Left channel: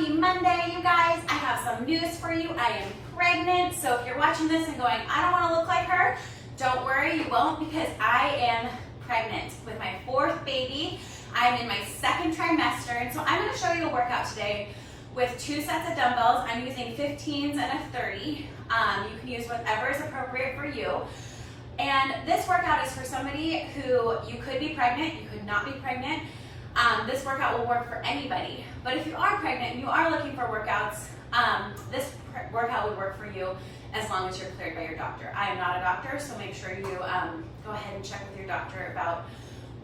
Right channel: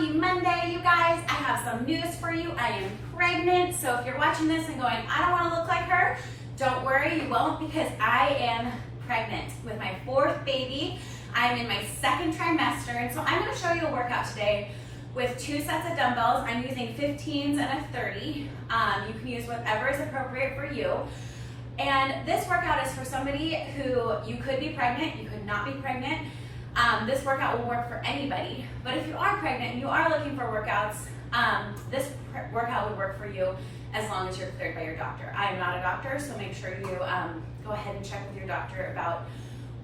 Happy Monday, you guys. I have some news for you. I am pregnant, so if you're watching this and going, I don't want to look like her, don't worry, you won't, because I am pregnant with my fourth baby. I'm in my second trimester, and so I'm going to show you a workout today with 2 sets of dumbbells. I'm using 15s and a 30. You can use whatever is appropriate for you. And this workout is for somebody who, you could be pregnant, you could not be pregnant. This workout will work for anybody, but if you are pregnant and you are looking for workouts, this workout would work for you as long as you're cleared by your doctor. I am not a doctor, so make sure you go ahead and check with your doctor about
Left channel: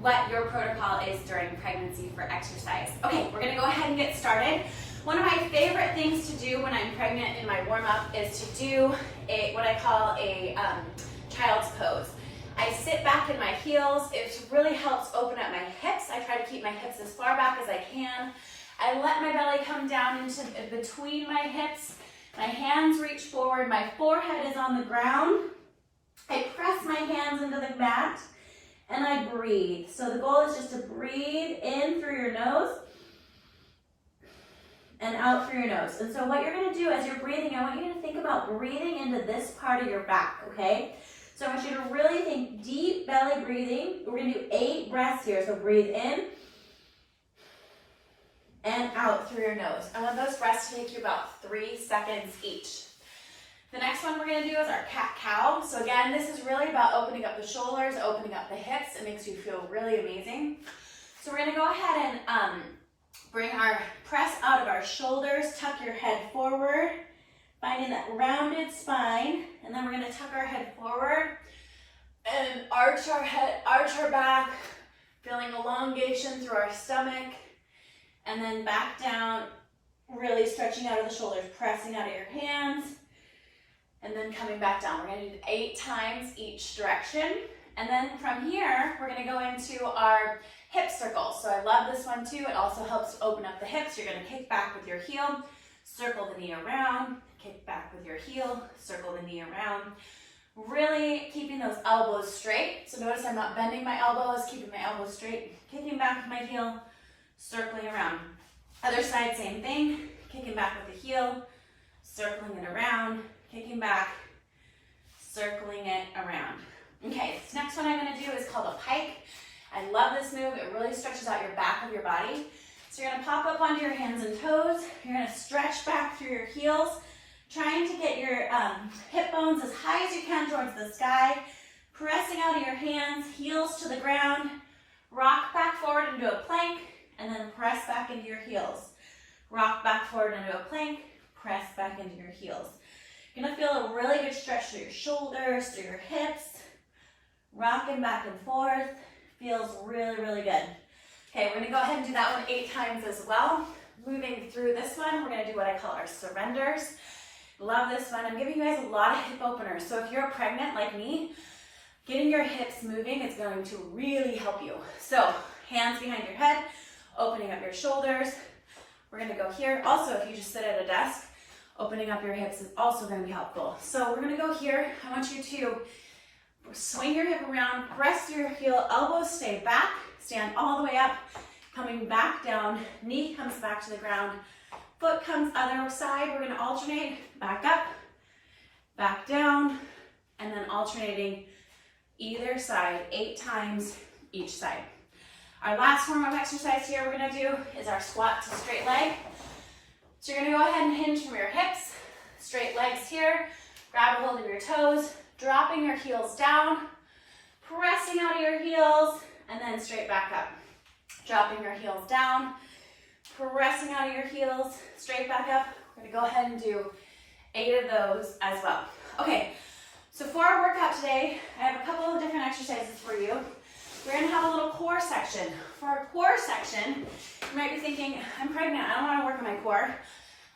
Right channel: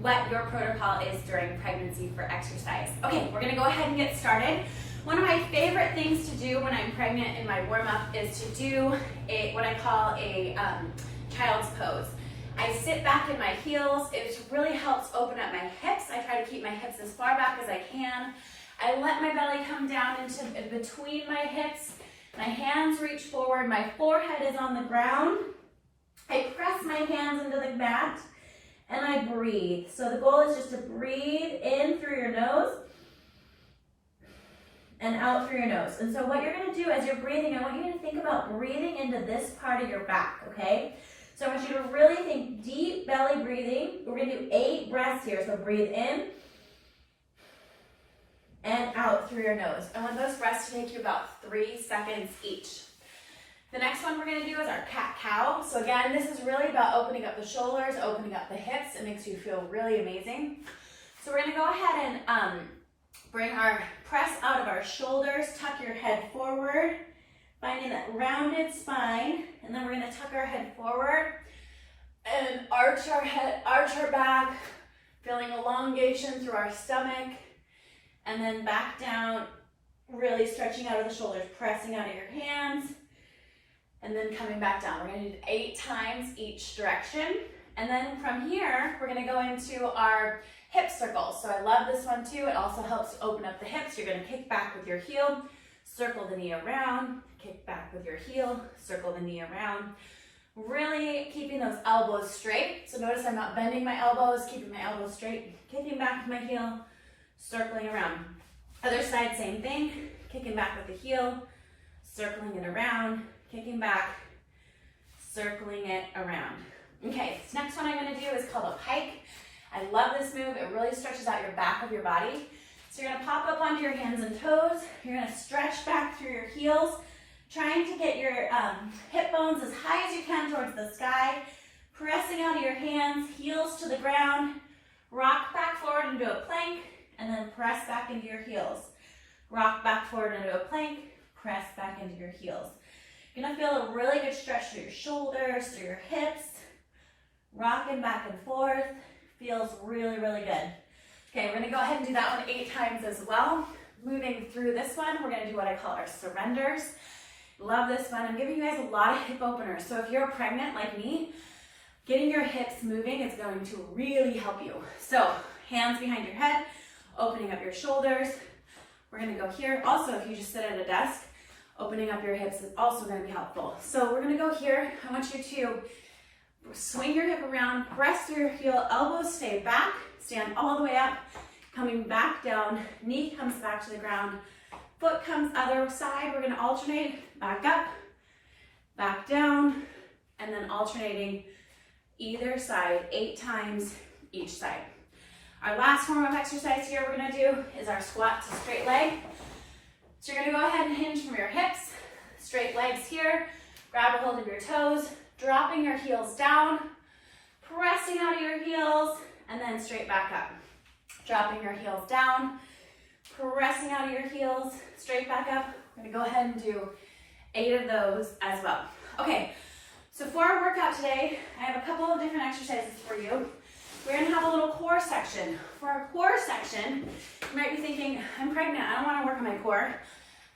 what your protocol is during pregnancy for exercise. Okay, we're gonna go ahead and get started. One of my favorite things to do when I'm pregnant in my warm-up is to do what I call a child's pose. I sit back in my heels. It really helps open up my hips. I try to keep my hips as far back as I can. I let my belly come down into between my hips. My hands reach forward. My forehead is on the ground. I press my hands into the mat and I breathe. So the goal is just to breathe in through your nose and out through your nose. And so what you're going to do as you're breathing, I want you to think about breathing into this part of your back, okay? So I want you to really think deep belly breathing. We're going to do 8 breaths here. So breathe in and out through your nose. I want those breaths to take you about 3 seconds each. The next one we're going to do is our cat-cow. So again, this is really about opening up the shoulders, opening up the hips. It makes you feel really amazing. So we're going to go ahead and bring our press out of our shoulders, tuck your head forward, finding that rounded spine, and then we're going to tuck our head forward and arch our head, arch our back, feeling elongation through our stomach, and then back down, really stretching out of the shoulders, pressing out of your hands, and then coming back down. We're going to do 8 times each direction, and then from here, we're going to go into our hip circles. So I love this one too. It also helps open up the hips. You're going to kick back with your heel, circle the knee around, kick back with your heel, circle the knee around. Really keeping those elbows straight. So notice I'm not bending my elbows, keeping my elbows straight, kicking back with my heel, circling around. Other side, same thing, kicking back with the heel, circling it around, kicking back, circling it around. Okay, this next one I'm going to do is called a pike. I love this move. It really stretches out your back of your body. So you're going to pop up onto your hands and toes. You're going to stretch back through your heels, trying to get your hip bones as high as you can towards the sky, pressing out of your hands, heels to the ground, rock back forward into a plank, and then press back into your heels. Rock back forward into a plank, press back into your heels. You're going to feel a really good stretch through your shoulders, through your hips, rocking back and forth. Feels really, really good. Okay, we're going to go ahead and do that one 8 times as well. Moving through this one, we're going to do what I call our surrenders. Love this one. I'm giving you guys a lot of hip openers. So if you're pregnant like me, getting your hips moving is going to really help you. So hands behind your head, opening up your shoulders. We're going to go here. Also, if you just sit at a desk, opening up your hips is also going to be helpful. So we're going to go here. I want you to swing your hip around, press through your heel, elbows stay back, stand all the way up, coming back down, knee comes back to the ground, foot comes other side. We're going to alternate back up, back down, and then alternating either side 8 times each side. Our last form of exercise here we're going to do is our squat to straight leg. So you're going to go ahead and hinge from your hips, straight legs here, grab a hold of your toes, dropping your heels down, pressing out of your heels, and then straight back up. Dropping your heels down, pressing out of your heels, straight back up. We're going to go ahead and do 8 of those as well. Okay, so for our workout today, I have a couple of different exercises for you. We're going to have a little core section. For our core section, you might be thinking, I'm pregnant, I don't want to work on my core.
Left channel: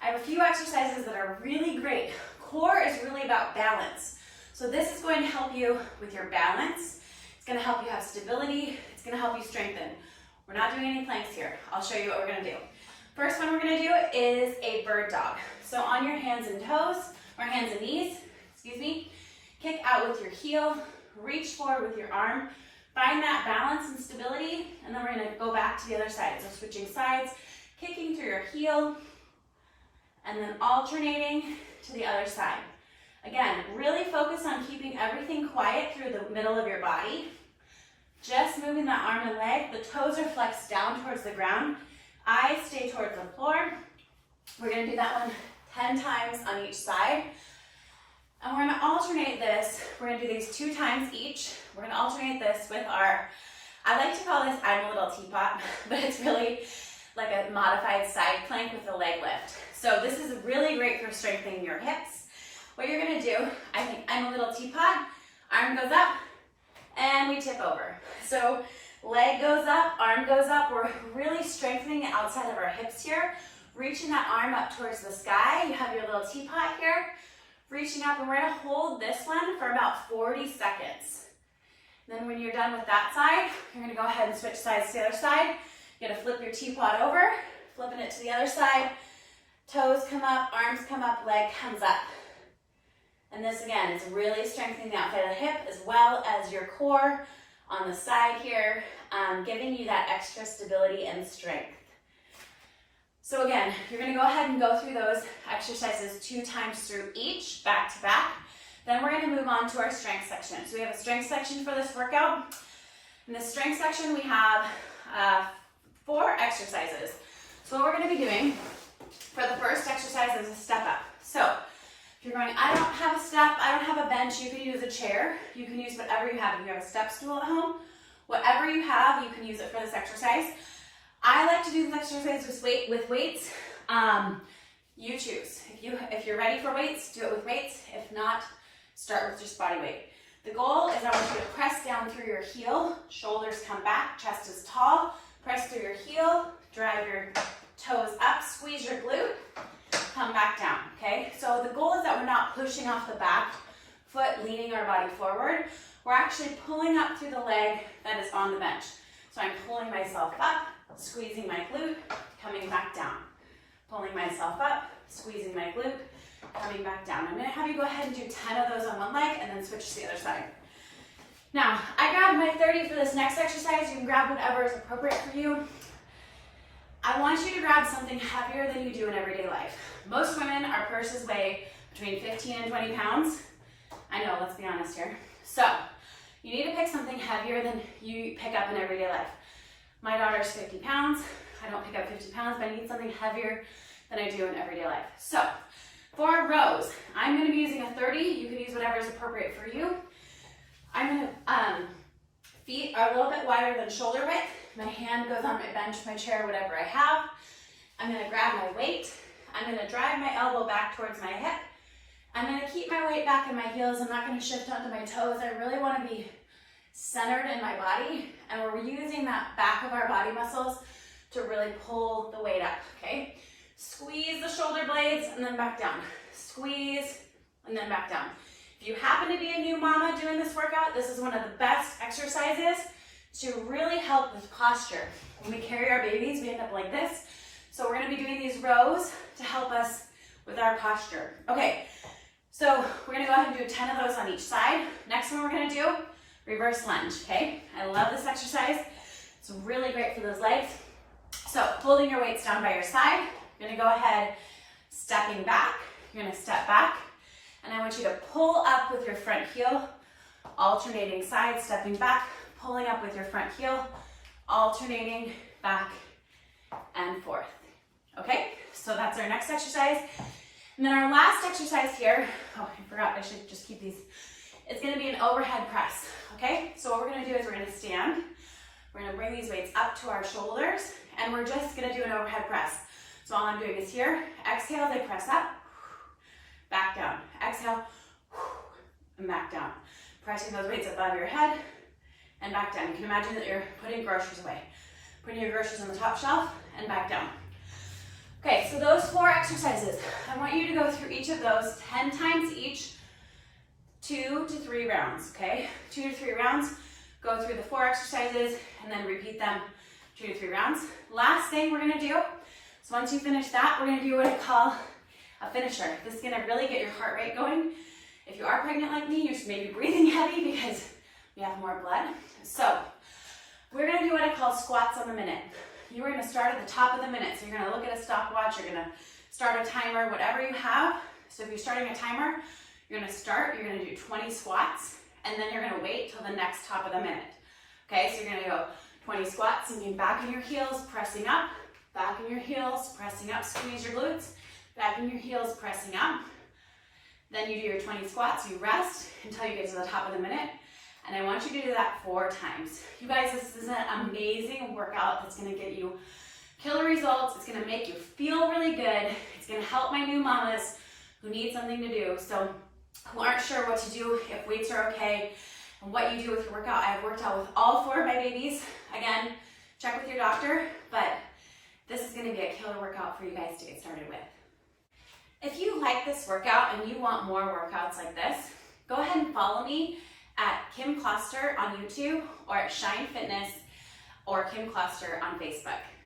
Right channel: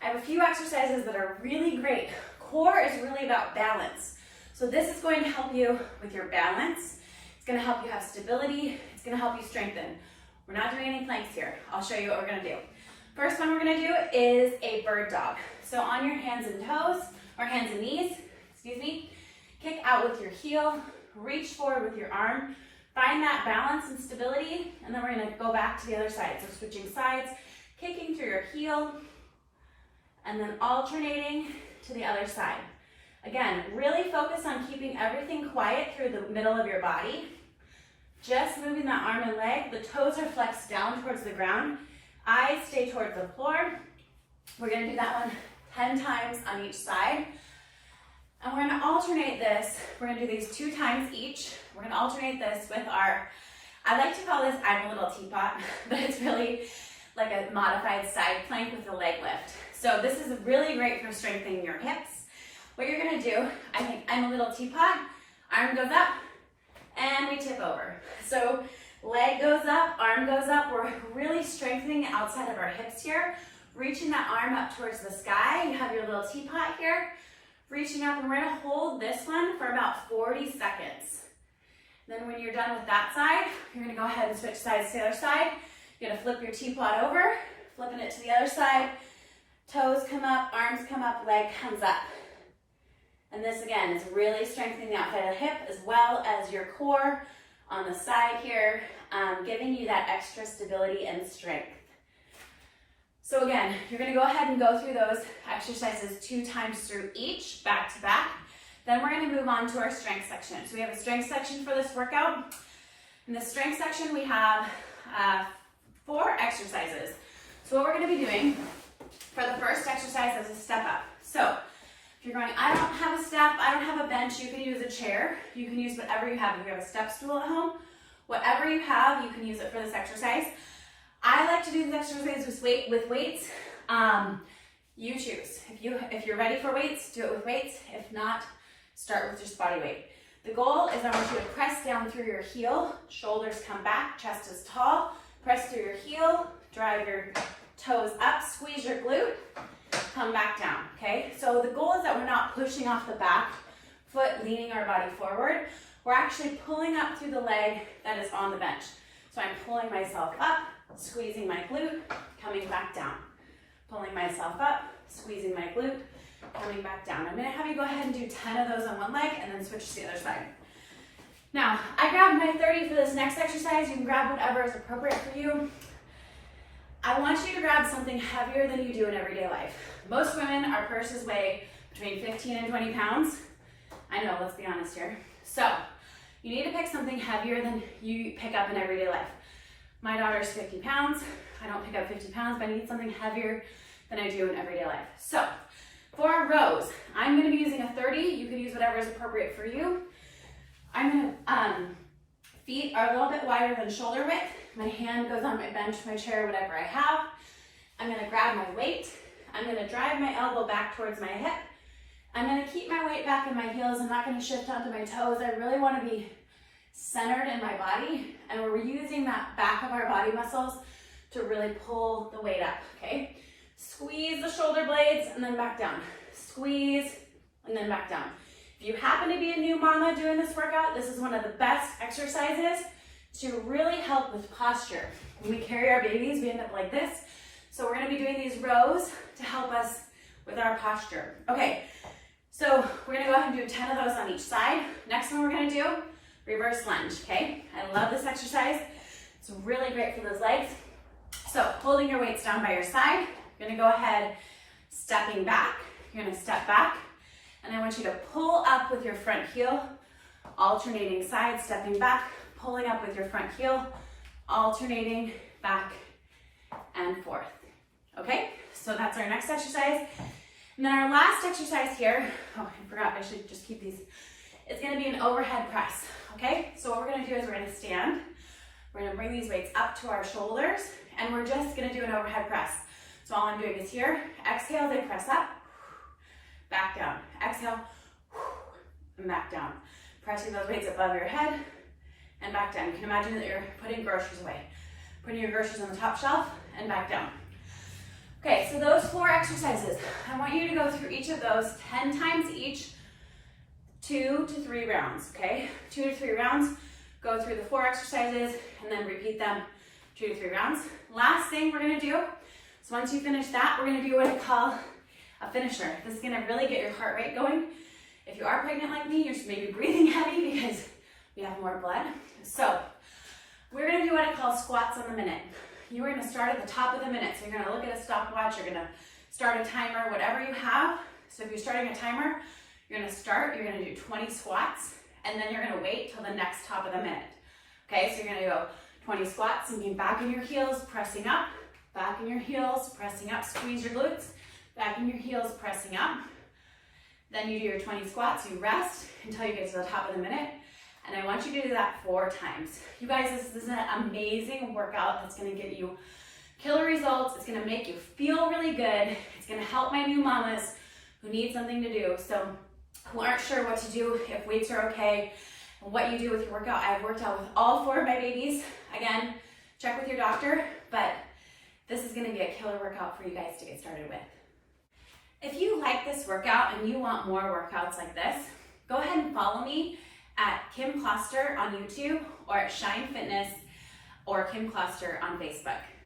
I have a few exercises that are really great. Core is really about balance. So this is going to help you with your balance. It's going to help you have stability. It's going to help you strengthen. We're not doing any planks here. I'll show you what we're going to do. First one we're going to do is a bird dog. So on your hands and toes, or hands and knees, excuse me, kick out with your heel, reach forward with your arm, find that balance and stability, and then we're going to go back to the other side. So switching sides, kicking through your heel, and then alternating to the other side. Again, really focus on keeping everything quiet through the middle of your body. Just moving that arm and leg. The toes are flexed down towards the ground. Eyes stay towards the floor. We're gonna do that one 10 times on each side. And we're gonna alternate this. We're gonna do these 2 times each. We're gonna alternate this with our, I like to call this I'm a little teapot, but it's really like a modified side plank with a leg lift. So this is really great for strengthening your hips. What you're gonna do, I think I'm a little teapot, arm goes up, and we tip over. So leg goes up, arm goes up. We're really strengthening the outside of our hips here, reaching that arm up towards the sky. You have your little teapot here, reaching up, and we're gonna hold this one for about 40 seconds. Then when you're done with that side, you're gonna go ahead and switch sides to the other side. You're gonna flip your teapot over, flipping it to the other side. Toes come up, arms come up, leg comes up. And this again is really strengthening the outside of the hip as well as your core on the side here, giving you that extra stability and strength. So again, you're gonna go ahead and go through those exercises 2 times through each, back to back. Then we're gonna move on to our strength section. So we have a strength section for this workout. In the strength section, we have 4 exercises. So what we're gonna be doing for the first exercise is a step up. So if you're going, I don't have a step, I don't have a bench, you can use a chair. You can use whatever you have. If you have a step stool at home, whatever you have, you can use it for this exercise. I like to do this exercise with weights. You choose. If you're ready for weights, do it with weights. If not, start with just body weight. The goal is I want you to press down through your heel, shoulders come back, chest is tall, press through your heel, drive your toes up, squeeze your glute, come back down, okay? So the goal is that we're not pushing off the back foot, leaning our body forward. We're actually pulling up through the leg that is on the bench. So I'm pulling myself up, squeezing my glute, coming back down. Pulling myself up, squeezing my glute, coming back down. I'm gonna have you go ahead and do 10 of those on one leg and then switch to the other side. Now, I grabbed my 30 for this next exercise. You can grab whatever is appropriate for you. I want you to grab something heavier than you do in everyday life. Most women, our purses weigh between 15 and 20 pounds. I know, let's be honest here. So, you need to pick something heavier than you pick up in everyday life. My daughter's 50 pounds. I don't pick up 50 pounds, but I need something heavier than I do in everyday life. So, for our rows, I'm gonna be using a 30. You can use whatever is appropriate for you. I'm gonna, feet are a little bit wider than shoulder width. My hand goes on my bench, my chair, whatever I have. I'm gonna grab my weight. I'm gonna drive my elbow back towards my hip. I'm gonna keep my weight back in my heels. I'm not gonna shift onto my toes. I really wanna be centered in my body. And we're using that back of our body muscles to really pull the weight up, okay? Squeeze the shoulder blades and then back down. Squeeze and then back down. If you happen to be a new mama doing this workout, this is one of the best exercises to really help with posture. When we carry our babies, we end up like this. So we're gonna be doing these rows to help us with our posture. Okay, so we're gonna go ahead and do 10 of those on each side. Next one we're gonna do, reverse lunge, okay? I love this exercise. It's really great for those legs. So holding your weights down by your side, you're gonna go ahead, stepping back. You're gonna step back, and I want you to pull up with your front heel, alternating sides, stepping back, pulling up with your front heel, alternating back and forth. Okay, so that's our next exercise. And then our last exercise here, oh, I forgot, I should just keep these. It's gonna be an overhead press, okay? So what we're gonna do is we're gonna stand. We're gonna bring these weights up to our shoulders, and we're just gonna do an overhead press. So all I'm doing is here, exhale as I press up, back down. Exhale, and back down. Pressing those weights above your head, and back down. You can imagine that you're putting groceries away. Putting your groceries on the top shelf, and back down. Okay, so those 4 exercises, I want you to go through each of those 10 times each, 2 to 3 rounds, okay? 2 to 3 rounds, go through the 4 exercises, and then repeat them 2 to 3 rounds. Last thing we're gonna do, so once you finish that, we're gonna do what I call a finisher. This is gonna really get your heart rate going. If you are pregnant like me, you're maybe breathing heavy because we have more blood. So we're gonna do what I call squats on the minute. You are gonna start at the top of the minute. So you're gonna look at a stopwatch, you're gonna start a timer, whatever you have. So if you're starting a timer, you're gonna start, you're gonna do 20 squats, and then you're gonna wait till the next top of the minute. Okay, so you're gonna go 20 squats, sinking back in your heels, pressing up, back in your heels, pressing up, squeeze your glutes, back in your heels, pressing up. Then you do your 20 squats, you rest until you get to the top of the minute, and I want you to do that 4 times. You guys, this is an amazing workout that's gonna get you killer results. It's gonna make you feel really good. It's gonna help my new mamas who need something to do, so who aren't sure what to do, if weights are okay, and what you do with your workout. I have worked out with all 4 of my babies. Again, check with your doctor, but this is gonna be a killer workout for you guys to get started with. If you like this workout and you want more workouts like this, go ahead and follow me at Kim Kloster on YouTube or at Shine Fitness or Kim Kloster on Facebook.